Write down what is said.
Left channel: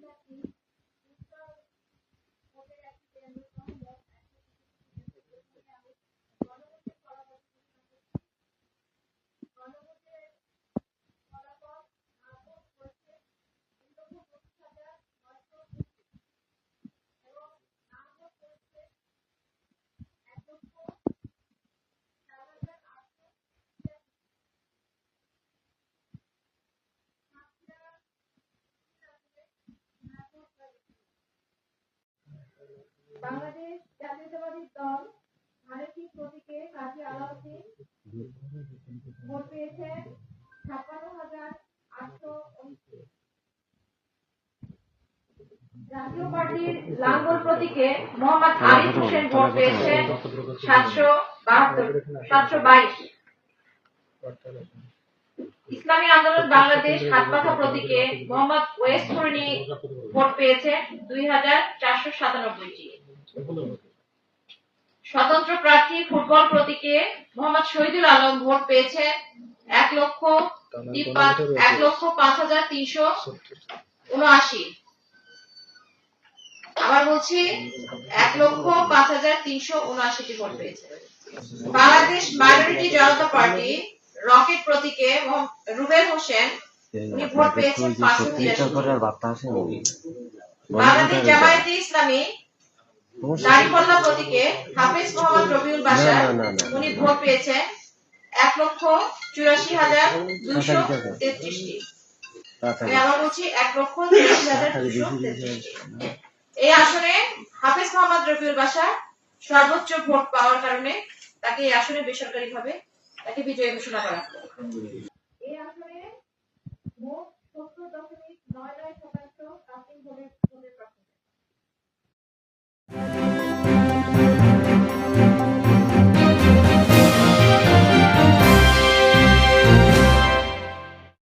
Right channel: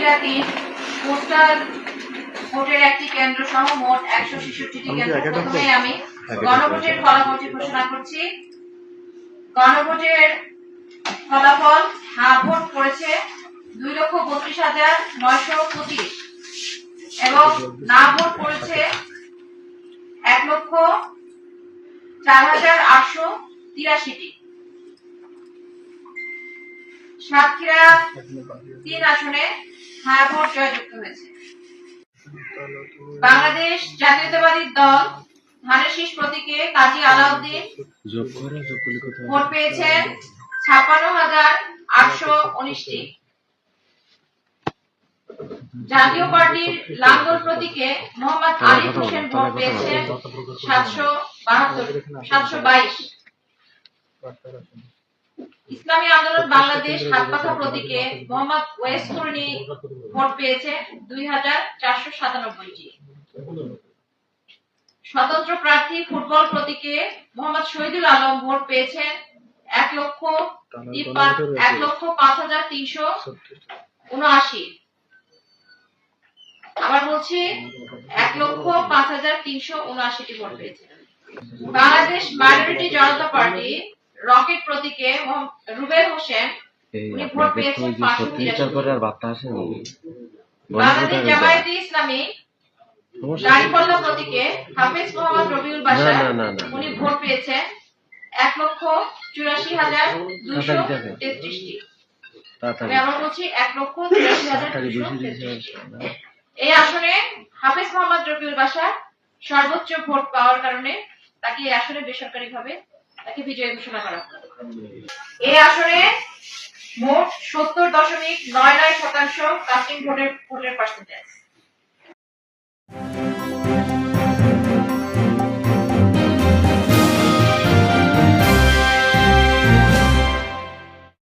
বিরাতির postal ভোটের একটি কেন্দ্র সহ মোট 166টি কেন্দ্র। প্রথমে আমি গণভোটের ফলাফলটি ঘোষণা করছি। গণভোটের ফলাফল হ্যাঁ ভোট পড়েছে 2,32,925 এবং না ভোট পড়েছে 1,04,883টি। সাতক্ষীরা 3 আসনে হ্যাঁ ভোট জয়যুক্ত হয়েছে। বাংলাদেশ জাতীয়তাবাদী দল ধানের শীষ প্রতীকে কাজী আলাউদ্দিন ভোট পেয়েছেন 56,819টি। জাতীয় পার্টির লাঙ্গল প্রতীকে মোহাম্মদ আরিফ হোসেন ভোট পেয়েছেন 722। ইসলামী আন্দোলন বাংলাদেশ হাতপাখা প্রতীকে মোহাম্মদ ওয়েস কুরনি ভোট পেয়েছে 2,497টি। স্বতন্ত্র প্রার্থী ফুটবল প্রতীকে মোহাম্মদ শহীদুল আলম ভোট পেয়েছেন 1,05,379। আবার বলছি 1,05,379টি ভোট পেয়েছে। বাংলাদেশ মাইনরিটি জনতা পার্টি রকেট প্রতীকে রুবেল হোসেন উনি ভোট পেয়েছেন 583। বাংলাদেশ জামায়াতে ইসলামী দাঁড়িপাল্লা প্রতীকে হাফেজ মোহাম্মদ রবিউল বাশার উনি ভোট পেয়েছেন 1,84,233টি। আমি আবার বলছি 1,84,233টি। এই আসনে হাফেজ মোহাম্মদ রবিউল বাশার সর্বোচ্চ ভোট পাওয়ার কারণে তাকে এই আসনে বেসরকারিভাবে তাকে বিজয়ী ঘোষণা করা হলো। এই আসনে মোট 70.99% কাস্টিং ভোটের পার্সেন্টেজ।